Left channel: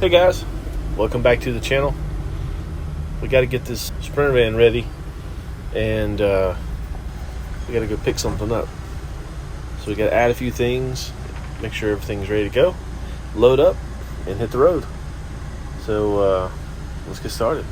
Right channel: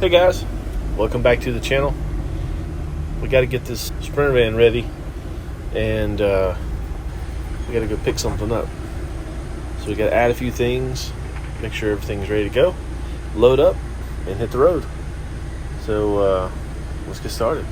Hey guys, welcome back to the channel. We got to get this Sprinter van ready, and we got to go pick something up. So we got to add a few things, make sure everything's ready to go, load up, and hit the road. So let's get started.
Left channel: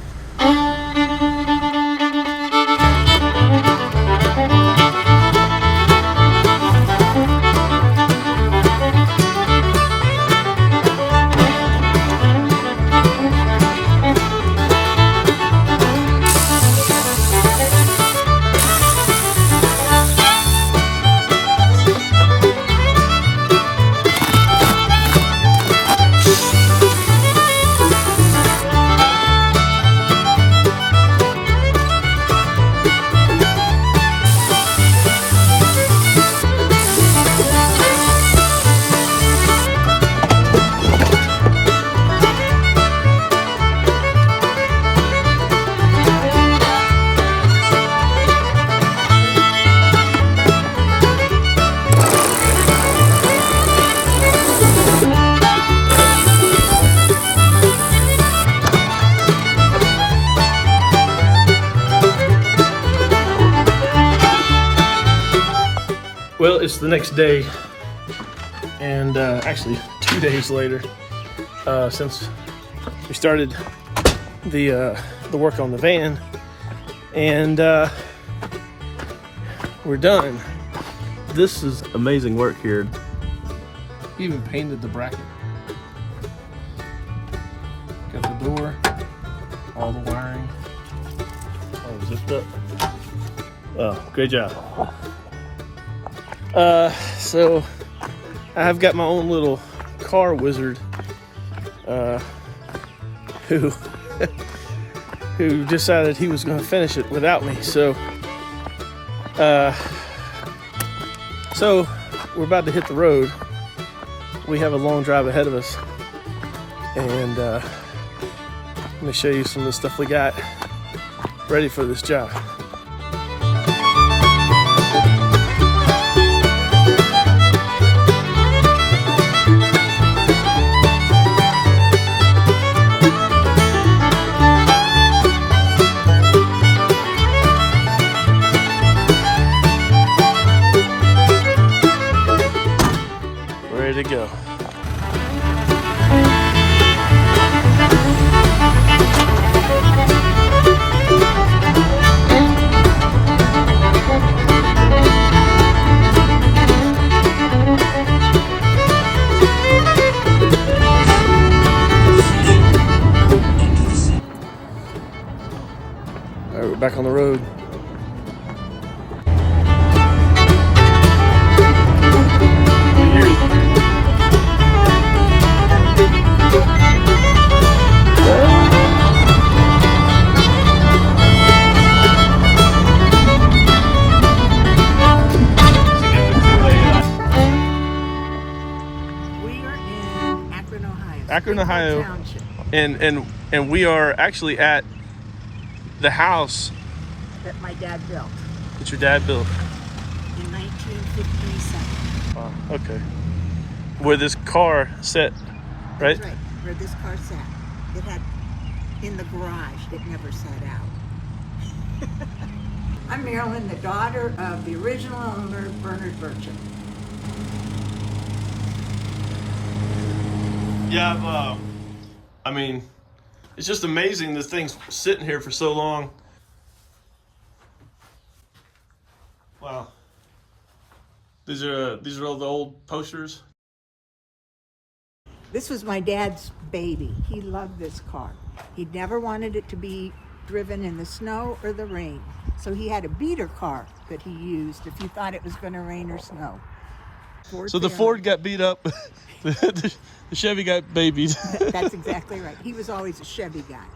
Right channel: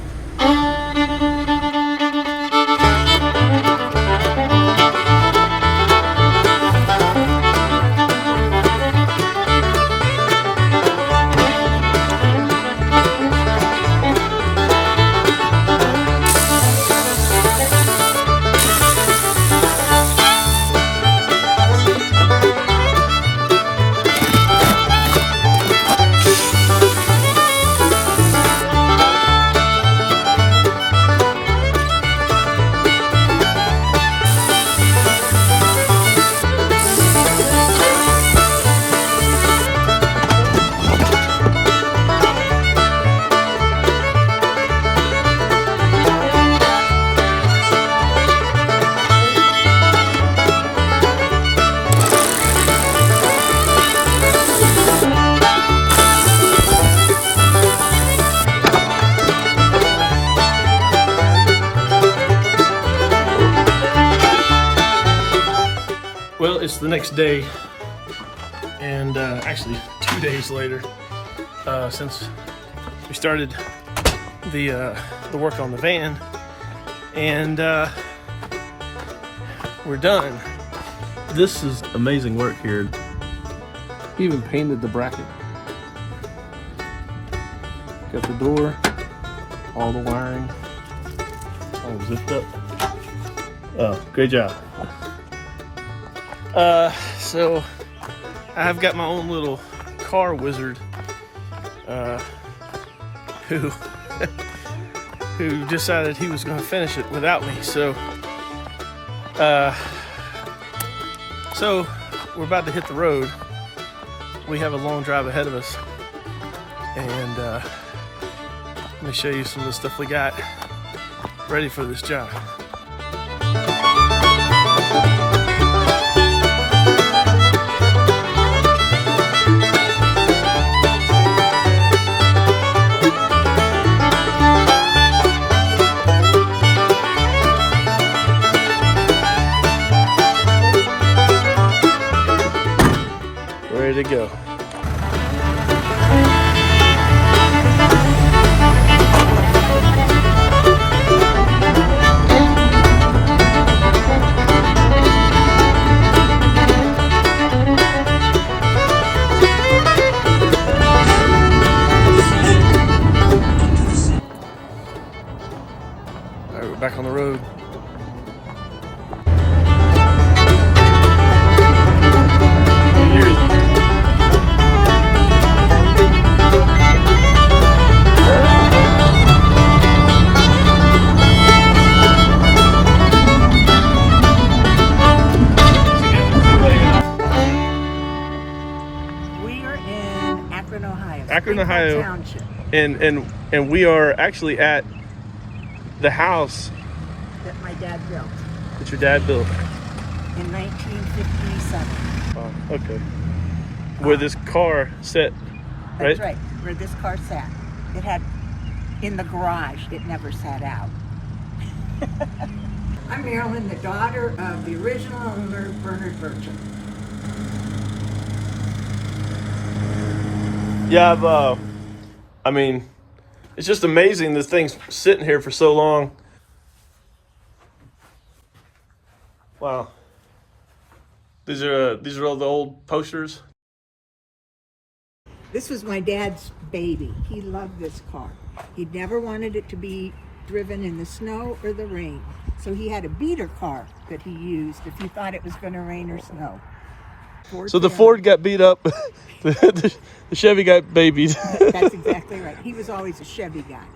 Well, it's the next day, and actually 2 days later, since we started the work on the van, and we're done. This is amazing work here. He even painted the bracket. Got the door, all the wiring, all zipped up. Oh, great job. So I've got my own little car wizard, who decided he was going to finish it without me. So we're about to hit the road. We have a long drive ahead of us, and let me show you some of the stuff we got ready for this job. Ready to go. All right, we're back on the road. Akron, Ohio, Township. And we are actually at the house that my dad built that your dad built in 1957. Wow, okay. Where this car sat, right? That's right, where this car sat. It had in the garage. It never sat out. I'm Marilyn, the daughter of the original owner, Bernard Burchett. Yeah, I mean, it's just amazing this thing's sitting here for so long. Wow. These are all the old posters. This was my dad's baby. He loved this car. He never wanted it to be driven in the snow or the rain. So he had a beater car that he used if he thought it was going to rain or snow. So the Ford got beat up, the Chevy got babied. That's exactly right. He was always a Chevy guy.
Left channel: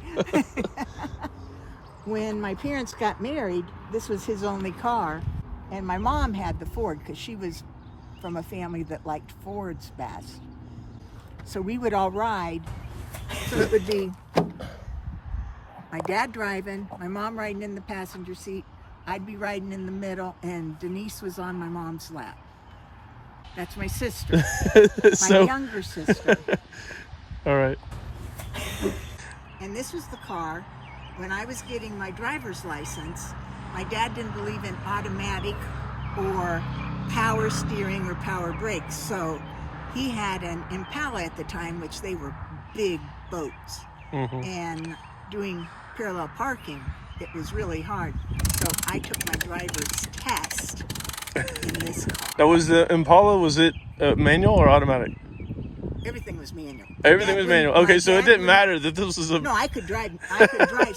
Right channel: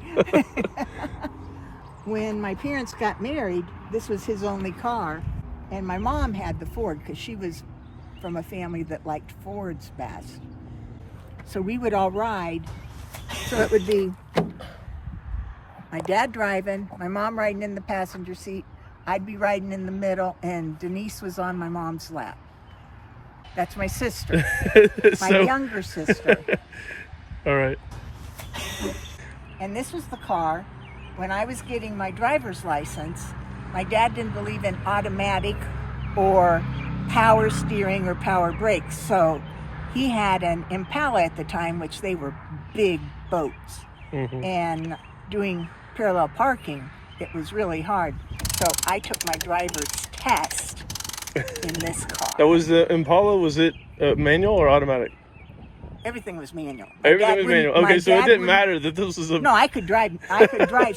When my parents got married, this was his only car, and my mom had the Ford because she was from a family that liked Fords best. So we would all ride. So it would be my dad driving, my mom riding in the passenger seat, I'd be riding in the middle, and Denise was on my mom's lap. That's my sister, my younger sister. All right. And this was the car when I was getting my driver's license. My dad didn't believe in automatic or power steering or power brakes, so he had an Impala at the time, which they were big boats. And doing parallel parking, it was really hard. So I took my driver's test in this car. That was the Impala. Was it manual or automatic? Everything was manual. Everything was manual. Okay, so it didn't matter that this was a... No, I could drive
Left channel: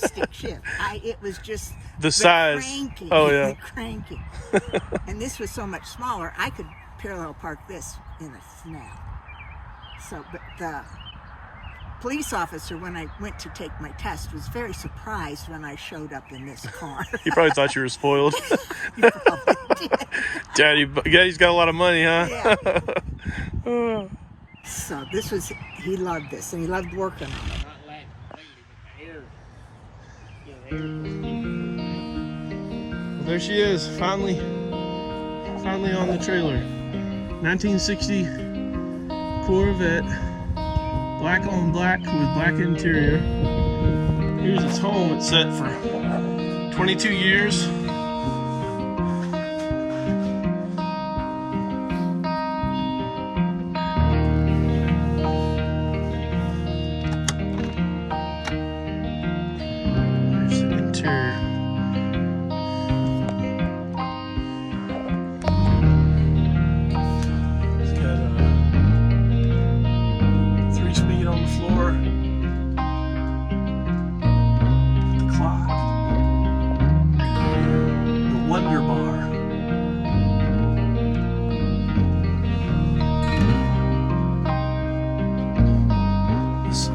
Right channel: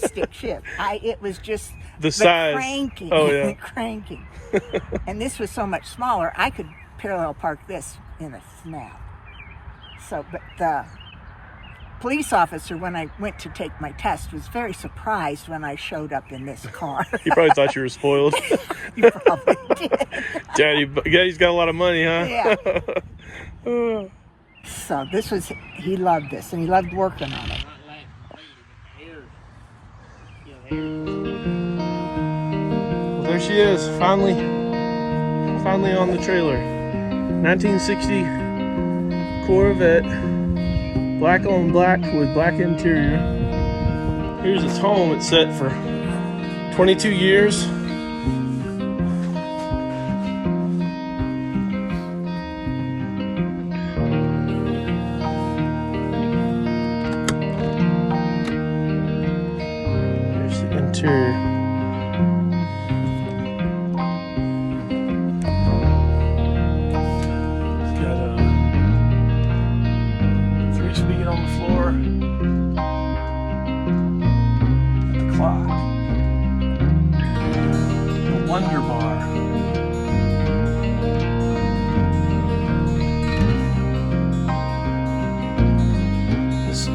stick shift. It was just the size. Cranking. Oh, yeah. The cranking. And this was so much smaller, I could parallel park this in a snap. So, but the police officer, when I went to take my test, was very surprised when I showed up in this car. He probably thought you were spoiled. You probably did. Daddy's got a lot of money, huh? Yeah. So this was, he loved this, and he loved working on it. Well, there she is, finally on the trailer. 1960 Corvette, black on black with black interior. Here's its home. It's set for 22 years. There's the interior.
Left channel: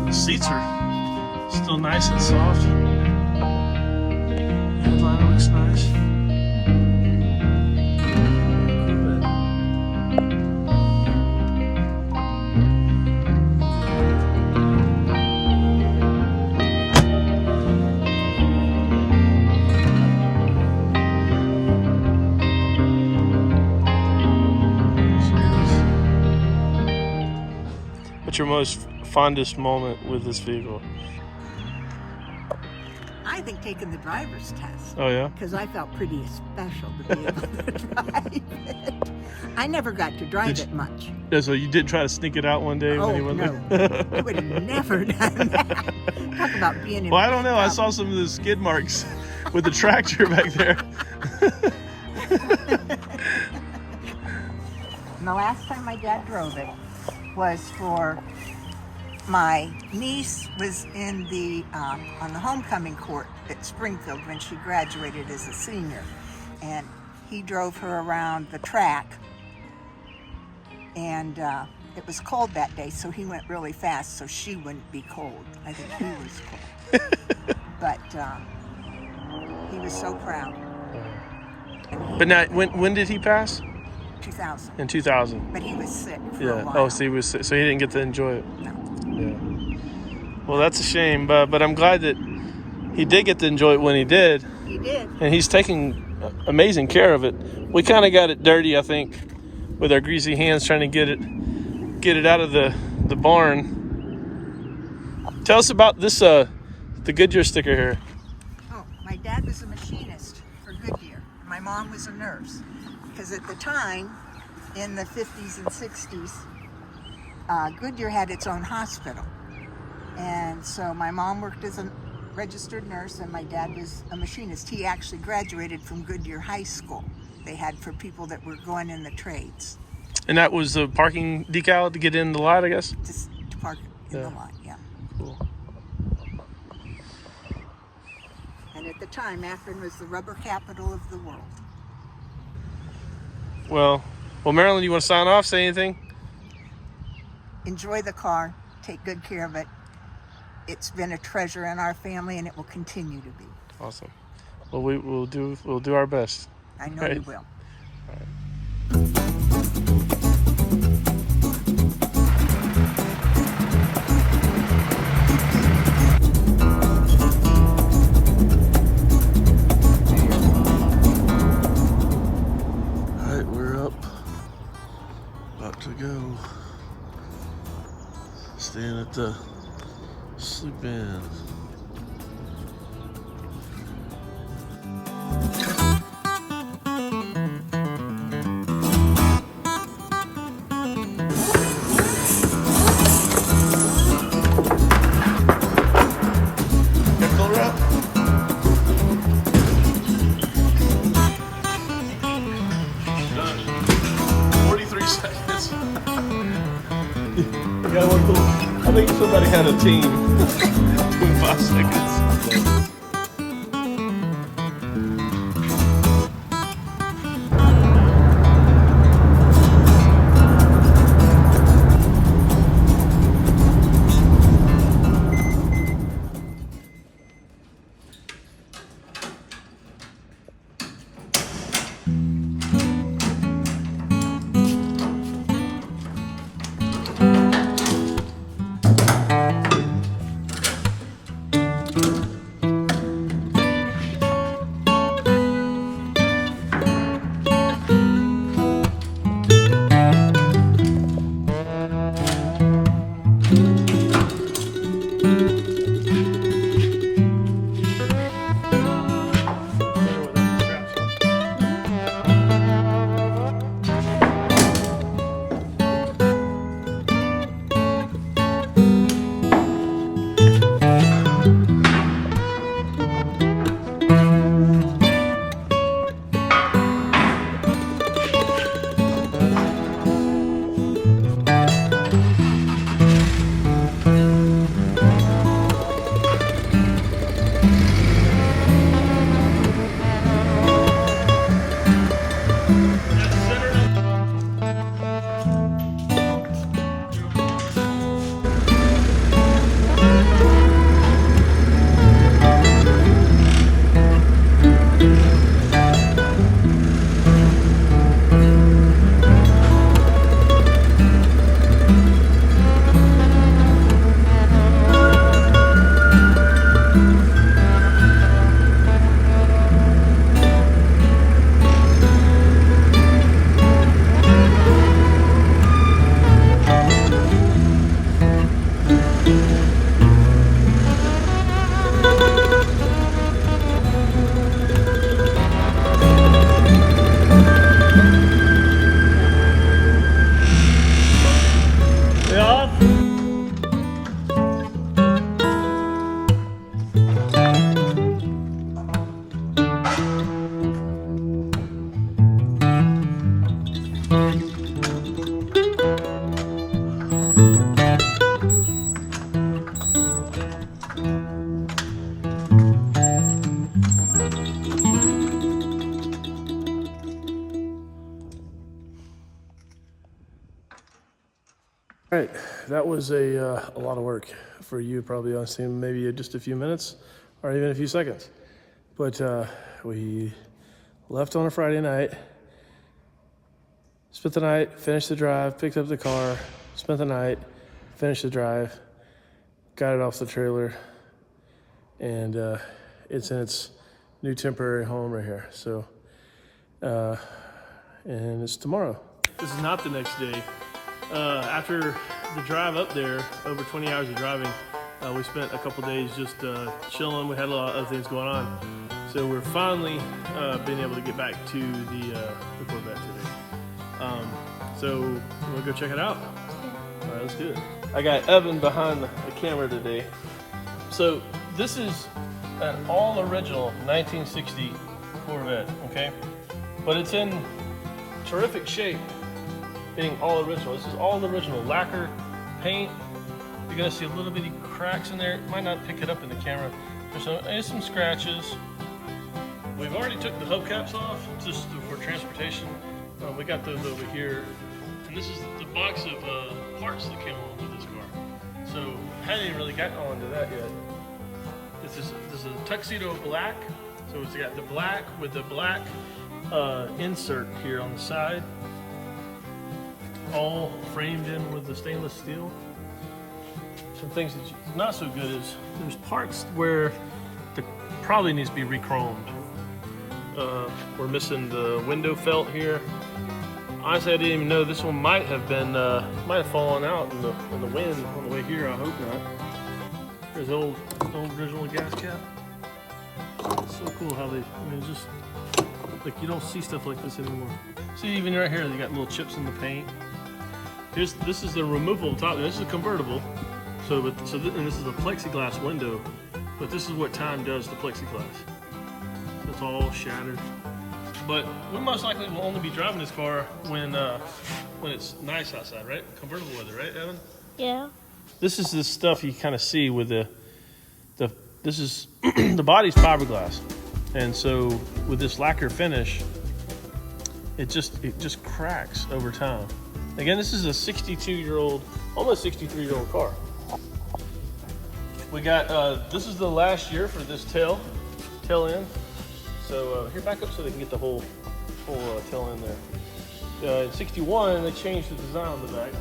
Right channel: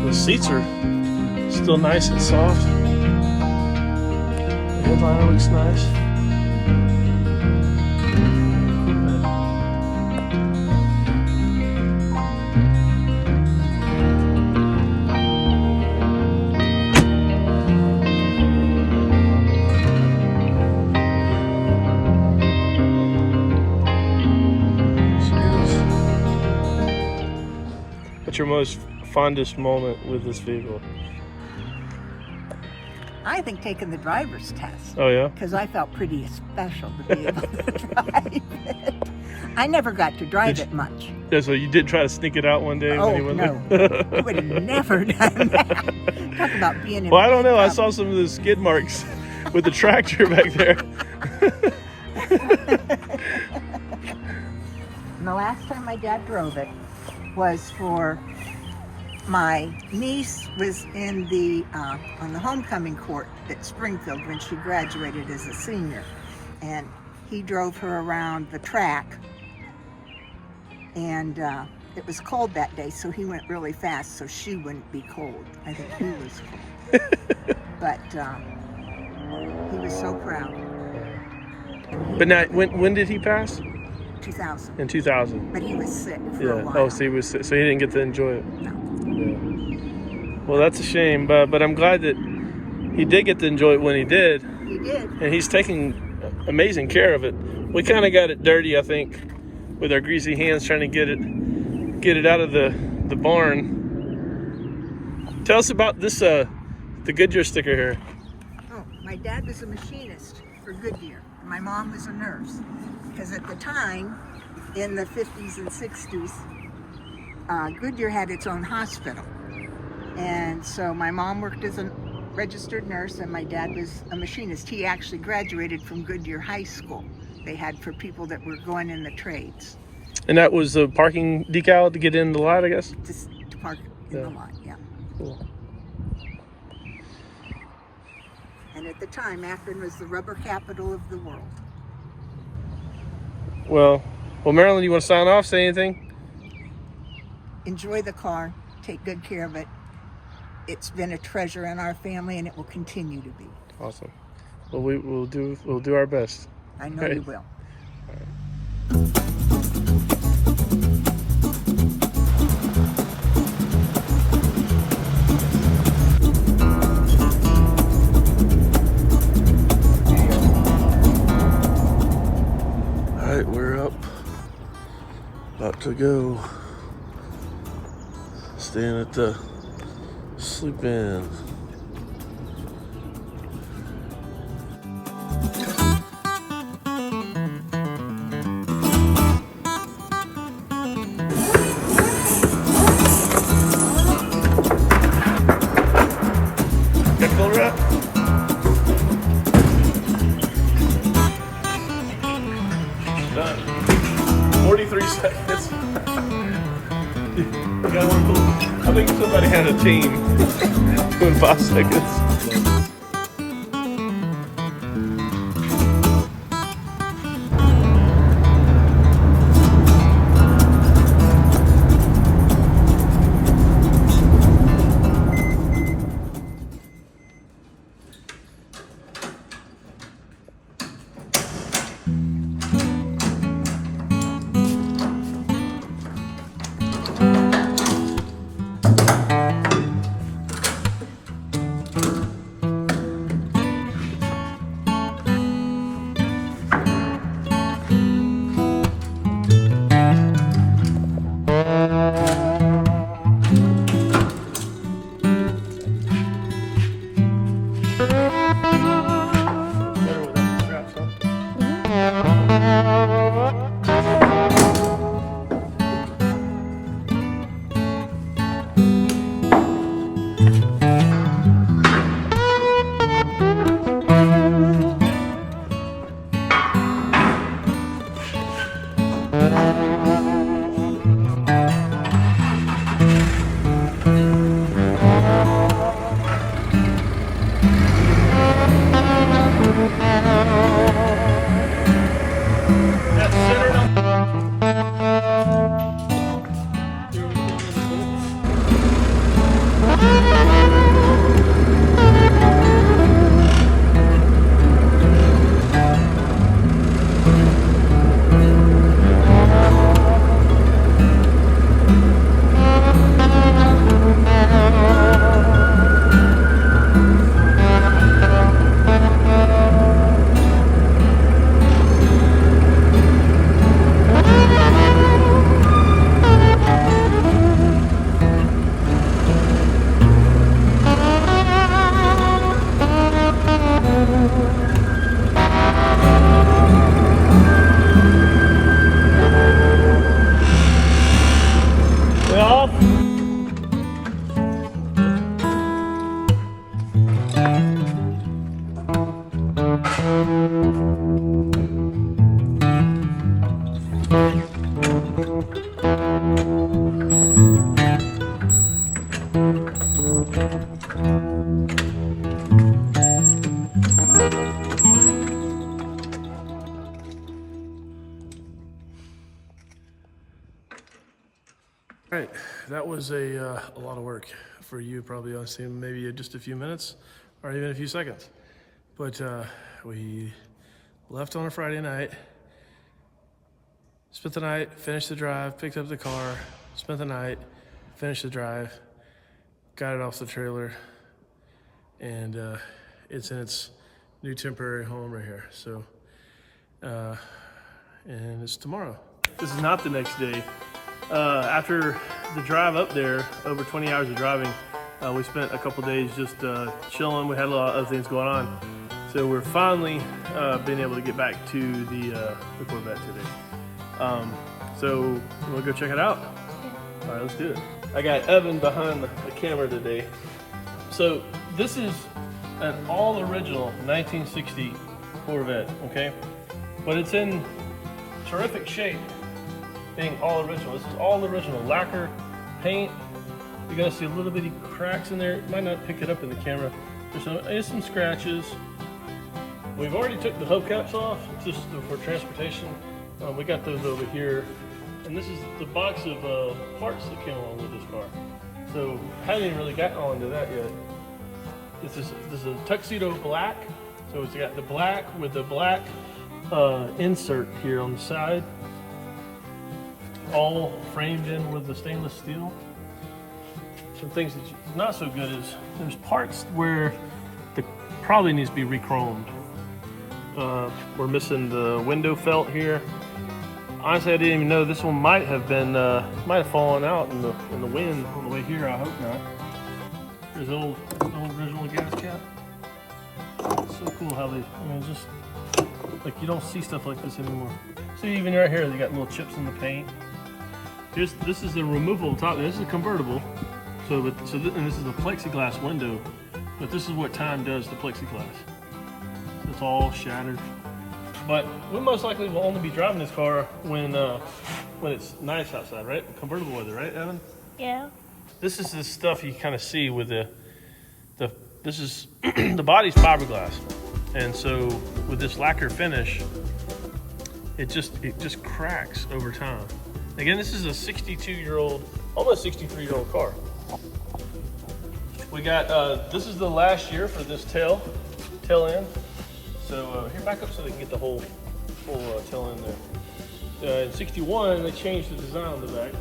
The seats are still nice and soft. The headliner looks nice. What's your most fondest moment with this vehicle? I think taking the driver's test. Oh yeah? Because I felt pretty special to be able to drive it. I never got to drive it much. Yeah, so you did try to sneak it out one day Oh, when you went no. there? I would have never done that. Talk about being in Well, I don't know. I trouble. saw some of the skid marks with the tractor back there. And the last time my dad drove it was for my niece was in the on the homecoming court at Springfield when she graduated as a senior, and he drove her around the track, and it was cold that day, so he went really fast so she wouldn't be cold. I think he was cold. But he was so proud. But now, when did he pass? 2000. In 2000. But he was sick for Yeah. a while. Oh, so he was sick, so he didn't get to enjoy it. Yeah. Well, that's a shame, but I'm glad that he did get to enjoy it when he did. He did. And he's taking amazing care of it. We kind of got it dirty, I think, with our greasy hands trying to get it out of the barn. Tell us about this the Goodyear sticker here. Oh, my dad was a machinist for Goodyear. My mom was a nurse. Because at the time, in the 50s and 60s, Goodyear had its own hospital. And so my mom worked as a registered nurse and my dad was a machinist. He actually graduated from Goodyear High School. They had for people that were going in the trades. And that was the parking decal to get in the lot, I guess? Just to park in the lot, yeah. Cool. And at the time, Akron was the rubber capital of the world. Well, Marilyn, you want to sign off, say anything? Enjoy the car, take good care of it. It's been a treasure in our family and it will continue to be. Awesome. Well, we'll do our best. I know Right. you will. All right. We're up, about to go, staying at the sleep in. Somebody had a team in 5 seconds. All right, that was a lot of work for you, probably honestly, maybe just a few minutes or even a few seconds. But we left on a Friday night, spent the night, finished the drive, picked up the car, spent the night, finished the drive, got it off the trailer, and it's in its new temporary home right here. So, and it's tomorrow. This is not the next day. After the drive up there, over 20 hours of driving, we spent a couple days just chilling. We had a lot of other things going on. So we're finally being able to get back to the Corvette today. So we'll go check it out. All right, let's do it. I got Evan behind the camera today. So this is an all original 1960 Corvette, okay? But it's in terrific shape. Being all original. This is all original lacquer, paint. You're gonna see a little bitty cracks in there. It might not pick it up in the camera. There's some scratches. We've already took the hubcaps off just for transportation. We got those over here. And this is the box of parts that came along with this car. So I hadn't even really gotten on to that yet. This is a tuxedo black. So it's got the black with the black insert here on the side. All framed in with the stainless steel. Some things that's not so good is there's parts where it probably needs to be re-chromed. We're missing the window felt here. Honestly, I didn't even know this one might have fallen out in the wind on the way here. I hope not. There's the old original gas cap. It's so cool how they, just like you don't see stuff like this anymore. See, even right here, they got little chips in the paint. This is a removable top. This is a convertible. And this is a plexiglass window. But this is what time does to plexiglass. It's all shattered. But we most likely will only be driving this car when it's nice outside, right? Convertible weather, right, Evan? Yeah. this is the stuff you kind of see with this is the body's fiberglass, and so with this lacquer finish, it just cracks over time. Again, this is a 62-year-old, almost 63-year-old car. We got this is the last year for this tail end. So here, back up so they can get the whole tail end there. In 61, they changed the design on the back.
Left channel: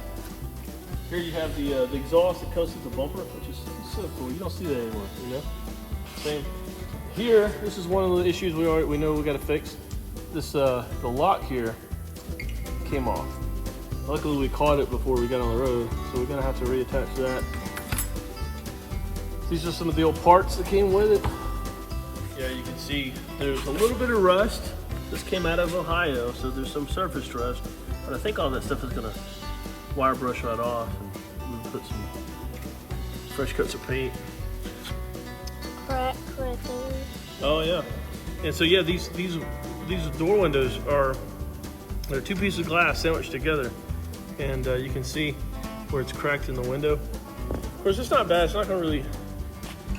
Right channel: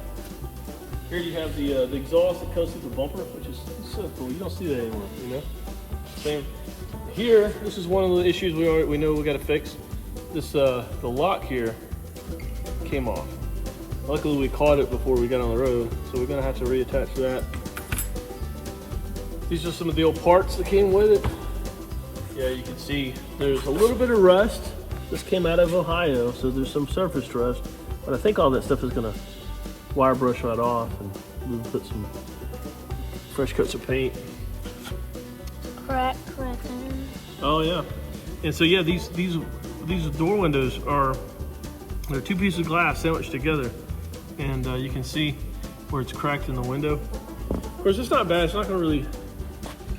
Here you have the exhaust that goes through the bumper, which is so cool. You don't see that anymore, you know. Same here. This is one of the issues we know we got to fix. This the lock here came off. Luckily, we caught it before we got on the road, so we're gonna have to reattach that. These are some of the old parts that came with it. Yeah, you can see there's a little bit of rust. This came out of Ohio, so there's some surface rust. But I think all that stuff is gonna wire brush right off, and we'll put some fresh coats of paint. Crack. Oh yeah, and so yeah, these door windows they're two pieces of glass sandwiched together, and you can see where it's cracked in the window. Of course, it's not bad. It's not gonna really,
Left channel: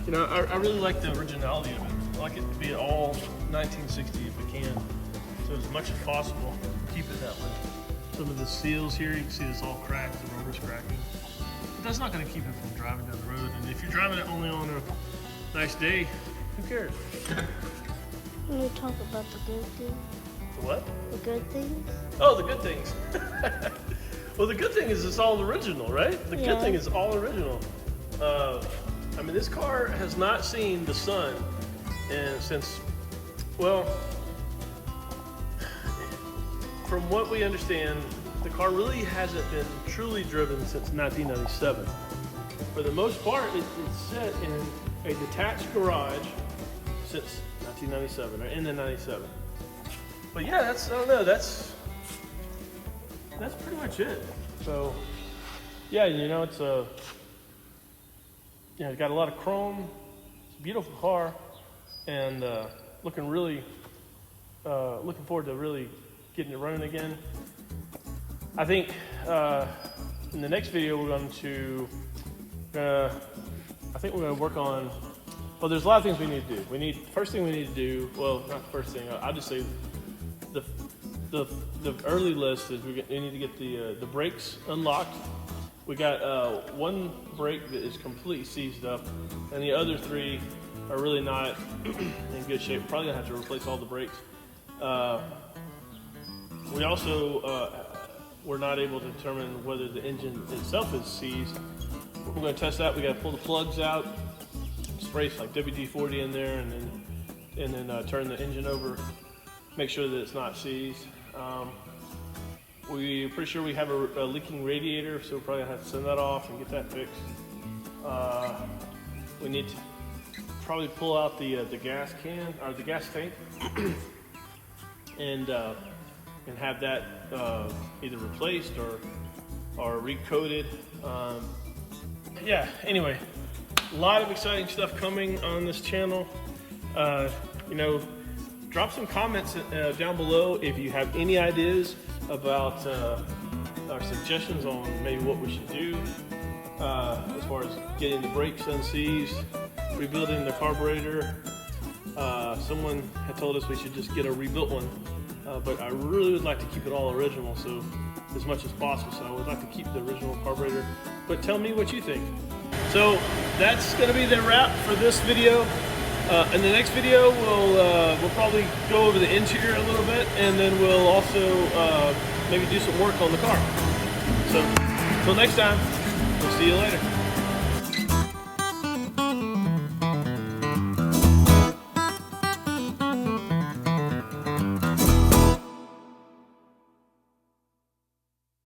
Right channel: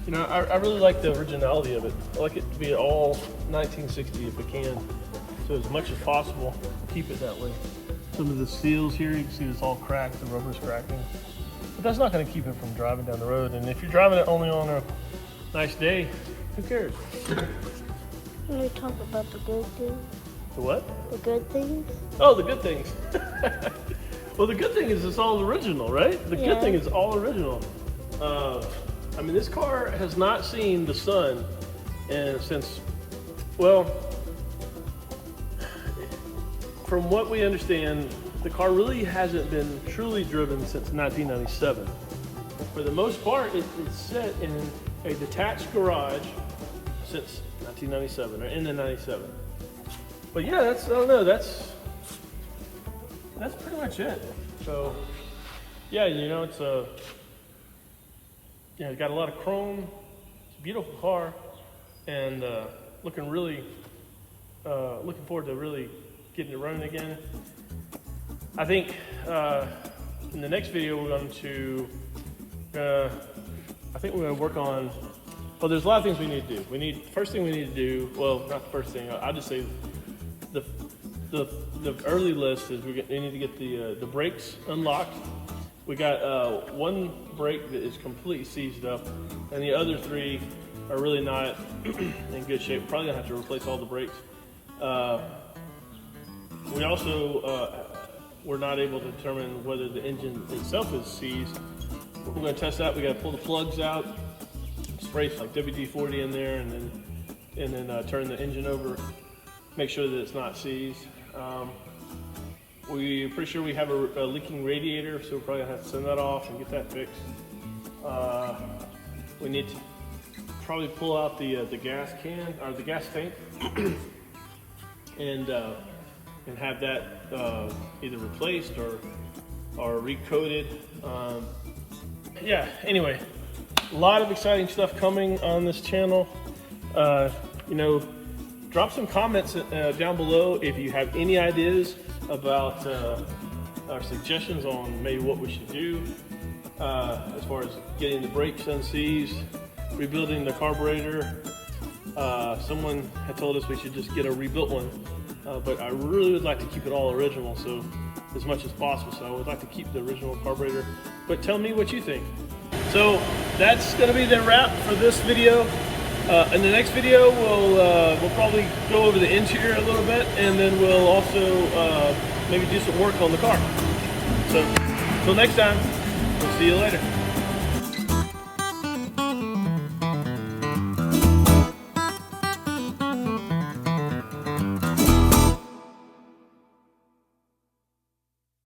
you know, I really like the originality of it. I like it to be all 1960 if it can. So as much as possible, keep it that way. Some of the seals here, you can see this all cracked, the rubber's cracking. But that's not gonna keep it from driving down the road. And if you're driving it only on a nice day, who cares? When we talk about the good things. The what? The good things. Oh, the good things. Well, the good thing is it's all original, right? The good thing is all original. I mean, this car has not seen the sun since, well, from what we understand, the car really hasn't been truly driven since 1997. For the most part, it's set in a detached garage since 1997, or in the 97. But yeah, I don't know, that's pretty much it. So yeah, you know, it's got a lot of chrome. It's a beautiful car, and looking forward to really getting it running again. I think in the next video we're going to work on. Well, there's a lot of things we need to do. First thing we need to do. Well, not the first thing. I'll just say the early list is we need to get the brakes unlocked. We got one brake that is completely seized up, and the other three are really not in good shape. We're probably gonna have to replace all the brakes. We also were not able to determine whether the engine itself is seized. We're gonna test that. We gotta pull the plugs out, spray like WD-40 in there, and then turn the engine over, make sure that it's not seized. We're pretty sure we have a leaking radiator, so we're probably gonna have to send that off and get that fixed. We need to probably pull out the gas can, or the gas tank, and have that either replaced or recoated. Yeah, anyway, a lot of exciting stuff coming on this channel. You know, drop some comments down below if you have any ideas about our suggestions on maybe what we should do as far as getting the brakes unseized, rebuilding the carburetor. Someone had told us we should just get a rebuilt one, but I really would like to keep it all original, so as much as possible. So I would like to keep the original carburetor, but tell me what you think. So that's going to be the wrap for this video. In the next video, we'll probably go over the interior a little bit, and then we'll also maybe do some work on the car. So until next time, we'll see you later.